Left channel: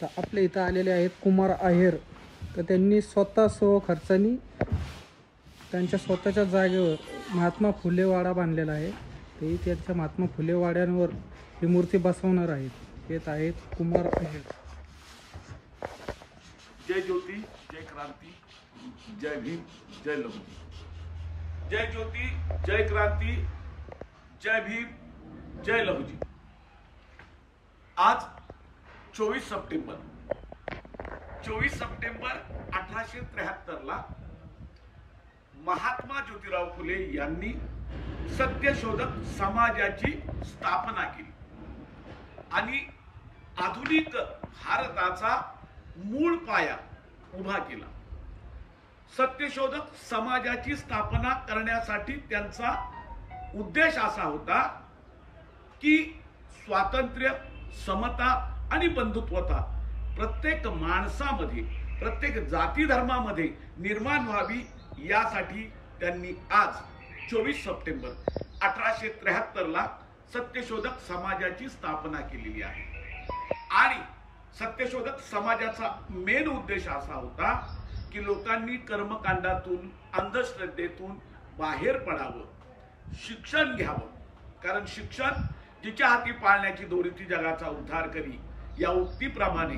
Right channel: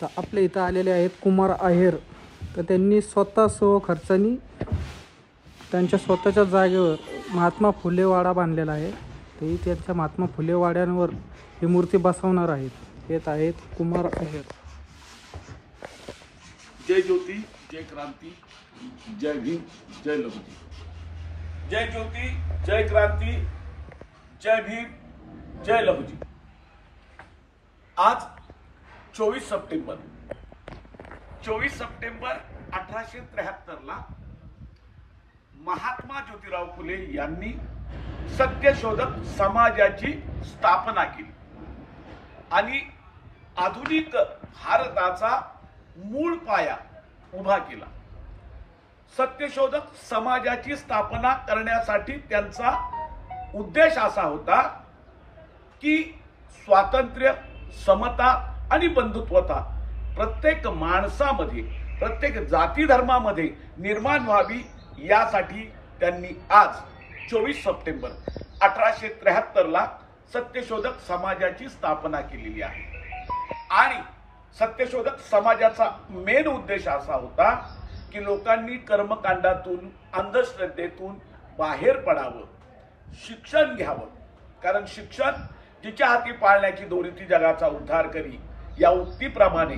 तर आपल्या इथं आलेले आहेत कुमार आहेर. तर त्यांनी स्वतः खर्चानी त्यांच्या स्वतःच्या जागेवर महात्मा फुले वाडा बांधलेला आहे. ते त्यांच्या महात्मा फुले वाड्यांवर ही मूर्ती बसवणार आहेत. येत आहेत कुमार आहेर. जय ज्योती, जय क्रांती, जय भीम, जय लघुजी. जय ज्योती, जय क्रांती, जय भीम, जय लघुजी. आज 24 सप्टेंबर 1873 ला महात्मा ज्योतिराव फुले यांनी सत्यशोधक समाजाची स्थापना केली आणि आधुनिक भारताचा मूळ पाया उभा केला. सत्यशोधक समाजाची स्थापना करण्यासाठी त्यांचा उद्देश असा होता की स्वातंत्र्य, समता आणि बंधुत्वता प्रत्येक माणसामध्ये, प्रत्येक जाती धर्मामध्ये निर्माण व्हावी, यासाठी त्यांनी आज 24 सप्टेंबर 1873 ला सत्यशोधक समाजाची स्थापना केलेली आहे. आणि सत्यशोधक समाजाचा मेन उद्देश असा होता की लोकांनी कर्मकांडातून, अंधश्रद्धेतून बाहेर पडावं, शिक्षण घ्यावं. कारण शिक्षण जिच्या हाती पाळण्याची दोरी ती जगाचा उद्धार करी, या उक्तीप्रमाणे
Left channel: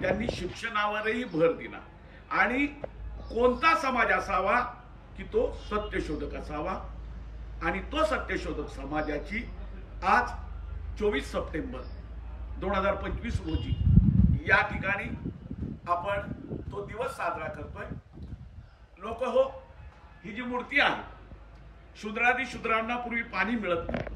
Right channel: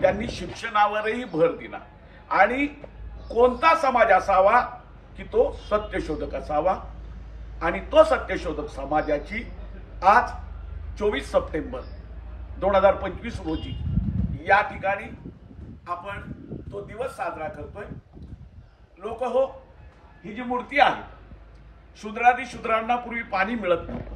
त्यांनी शिक्षणावरही भर दिला. आणि कोणता समाज असावा की तो सत्यशोधक असावा. आणि तो सत्यशोधक समाजाची आज 24 सप्टेंबर 2025 रोजी या ठिकाणी आपण तो दिवस साजरा करतोय. लोक हो, ही जी मूर्ती आहे, शूद्रादी शूद्रांना पूर्वी पाणी मिळत नव्हतं.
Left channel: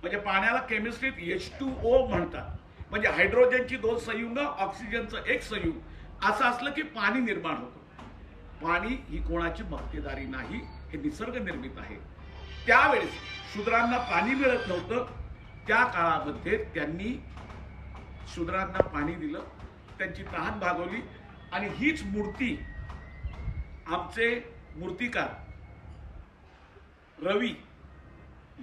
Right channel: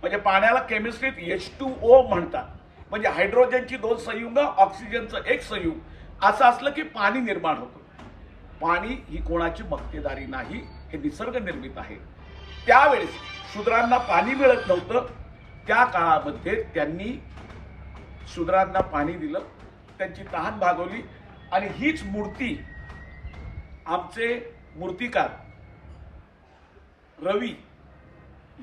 म्हणजे पाण्याला केमिस्ट्रीत H2O म्हणतात. म्हणजे हायड्रोजनची 2 संयुग, ऑक्सिजनचं 1 संयुग असं असलं की पाणी निर्माण होतं. पाणी ही कोणाची मक्तेदारी नाही, हे निसर्ग निर्मित आहे. त्यावेळेस शूद्रांना पाणी मिळत नव्हतं. त्या काळामध्ये त्यांनी शूद्रांना पाणी दिलं, त्यांची तहान भागवली. आणि हीच मूर्ती आमचे मूर्तिकार रवी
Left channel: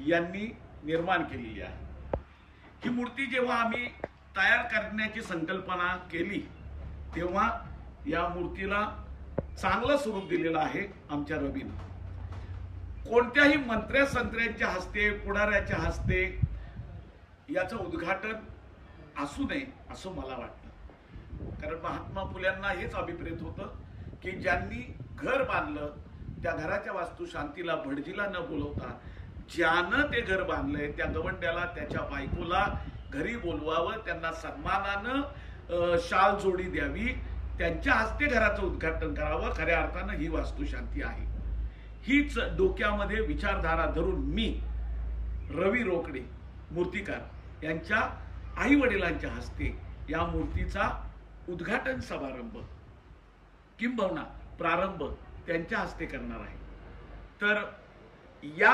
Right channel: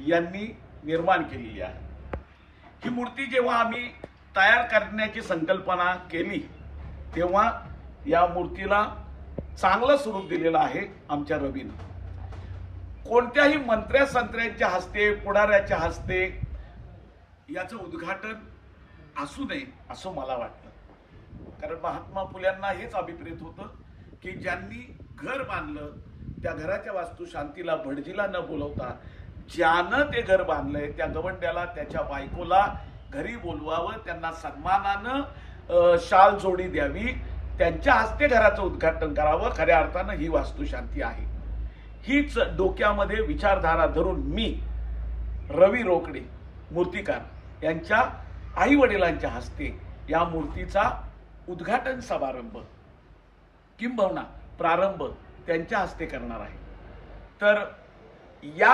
यांनी निर्माण केलेली आहे. ही मूर्ती जेव्हा आम्ही तयार करण्याची संकल्पना केली तेव्हा या मूर्तीला चांगलं स्वरूप दिलेलं आहे आमच्या रवीनं. कोणत्याही मंत्र्या संत्र्याच्या हस्ते, पुढाऱ्याच्या हस्ते याचं उद्घाटन असू नये असं मला वाटतं. कारण महात्मा फुल्यांना हेच अभिप्रेत होतं की ज्यांनी घर बांधलं त्या घराच्या वास्तुशांतीला, भटजीला न बोलवता ज्यानं ते घर बांधलंय त्या गवंड्याला, त्याच्या बायकोला घरी बोलवावं, त्यांना सन्मानानं शाल जोडी द्यावी, त्यांच्या हस्ते घराचं उद्घाटन करावं. खऱ्या अर्थानं ही वास्तुशांती आहे. हीच डोक्यामध्ये विचारधारा धरून मी रवी रोकडे मूर्तिकार यांच्या आई वडिलांच्या हस्ते या मूर्तीचा उद्घाटन समारंभ किंबहुना प्रारंभ त्यांच्या हस्ते करणार आहे. तर या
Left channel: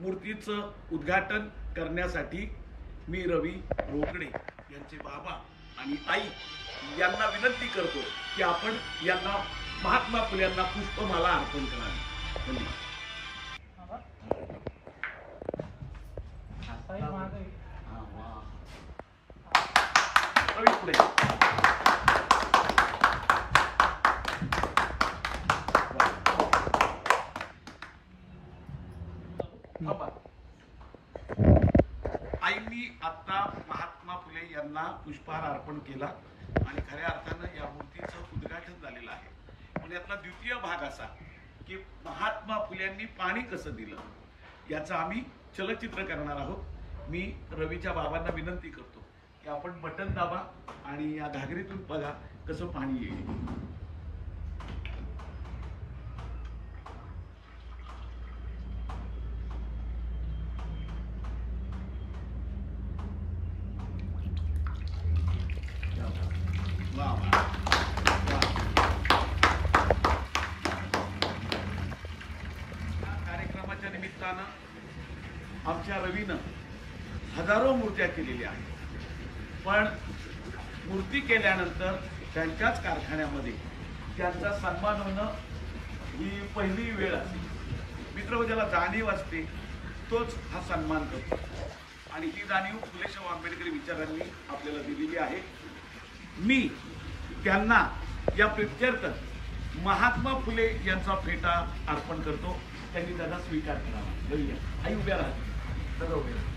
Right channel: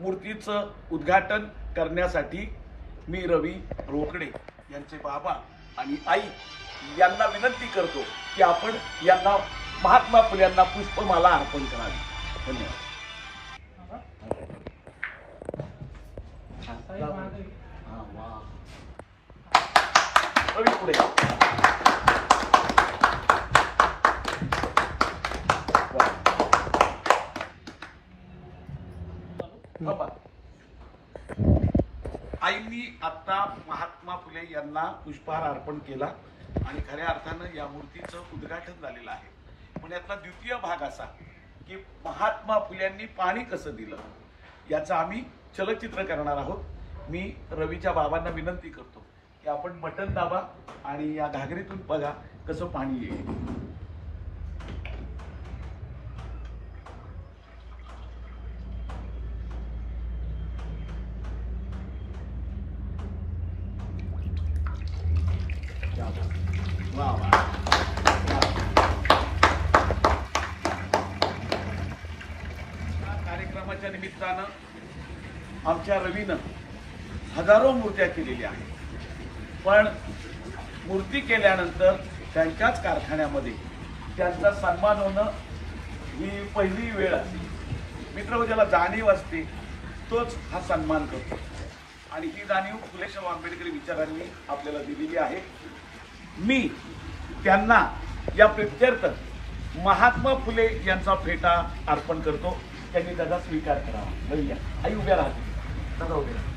मूर्तीचं उद्घाटन करण्यासाठी मी रवी रोकडे यांचे बाबा आणि आई यांना विनंती करतो की आपण यांना, महात्मा फुल्यांना पुष्पमाला अर्पण करावी. धन्यवाद. रवी पुढे. आईंनी आता महात्मा फुले यांना पुष्पहार अर्पण केला आणि खऱ्या अर्थानं या मूर्तीचं उद्घाटन झालेलं आहे. पण यातला द्वितीय भाग असा की महात्मा फुल्यांनी पाणी कसं दिलं याचं आम्ही चलचित्र करणार आहोत. मी रवीच्या बाबांना विनंती करतो की आपण बटन दाबा आणि या घागरीतून बघा कसं पाणी येईल. कार्यक्रमाच्या निमित्तानं आमच्या रवीनं हजारो मूर्त्या केलेल्या आहेत. पण मूर्ती केल्यानंतर त्यांच्याच कारखान्यामध्ये त्यांचा सन्मान होणं ही पहिली वेळ असते. मित्र ज्याला जाणीव असते तोच हा सन्मान करतो. आणि ही जाणीव फुले शाहू आंबेडकरी विचारांनी आपल्याला दिलेली आहे. मी त्यांना या प्रित्यर्थ महात्मा फुले यांचा फेटा अर्पण करतो. त्यांनी त्याचा स्वीकार करावा. बरं या आई उभ्या राहते दादा उभे राहा.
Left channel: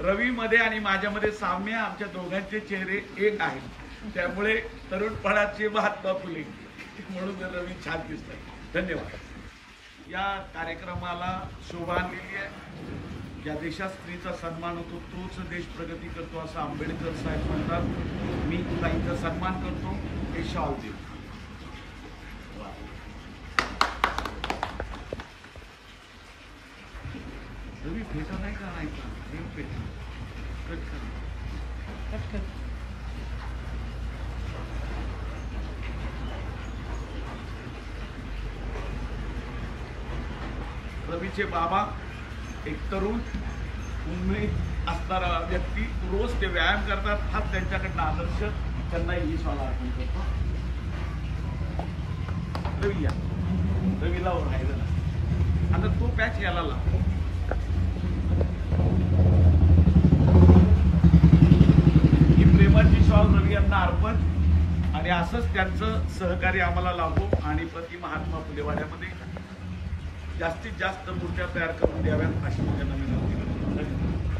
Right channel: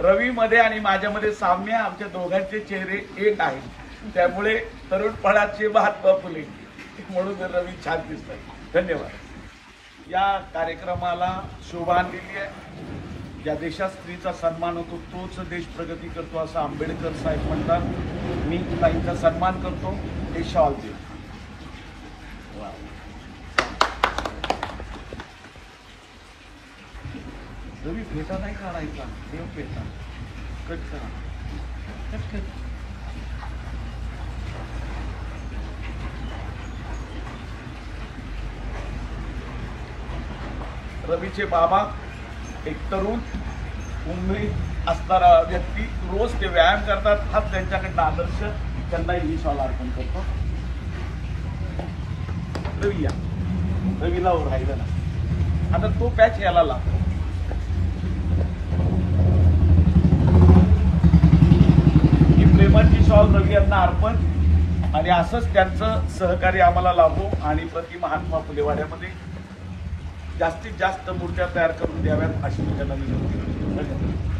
रवी मध्ये आणि माझ्यामध्ये साम्य, आमच्या दोघांचे चेहरे एक आहेत. त्यामुळे तरुणपणाचे महात्मा फुले म्हणून रवी छान दिसतात. धन्यवाद. या कार्यक्रमाला शोभा आणलेली आहे. ज्या देशात स्त्रीचा सन्मान होतो तोच देश प्रगती करतो असं आंबेडकर साहेब म्हणतात. मी ताईंचा सन्मान करतो. हे शॉल देऊ. रवी फेटा नाही काढायचा. देव फेटा कट करा. रवीचे बाबा एक तरुण उमेद असणारा व्यक्ती, रोज ते व्यायाम करतात. हा त्यांच्याकडनं आदर्श. त्यांना ही शॉल अर्पण करतो. रवी या. रवीला राहिलं ना. आता तो पॅच याला लाव. ही प्रेमाची शॉल रवी यांना अर्पण. आणि असंच त्यांचं सहकार्य आम्हाला लाभो आणि प्रति महात्मा फुले वाड्यामध्ये जास्तीत जास्त मूर्त्या तयार करून द्याव्यात अशी त्यांना विनंती करतो. धन्यवाद.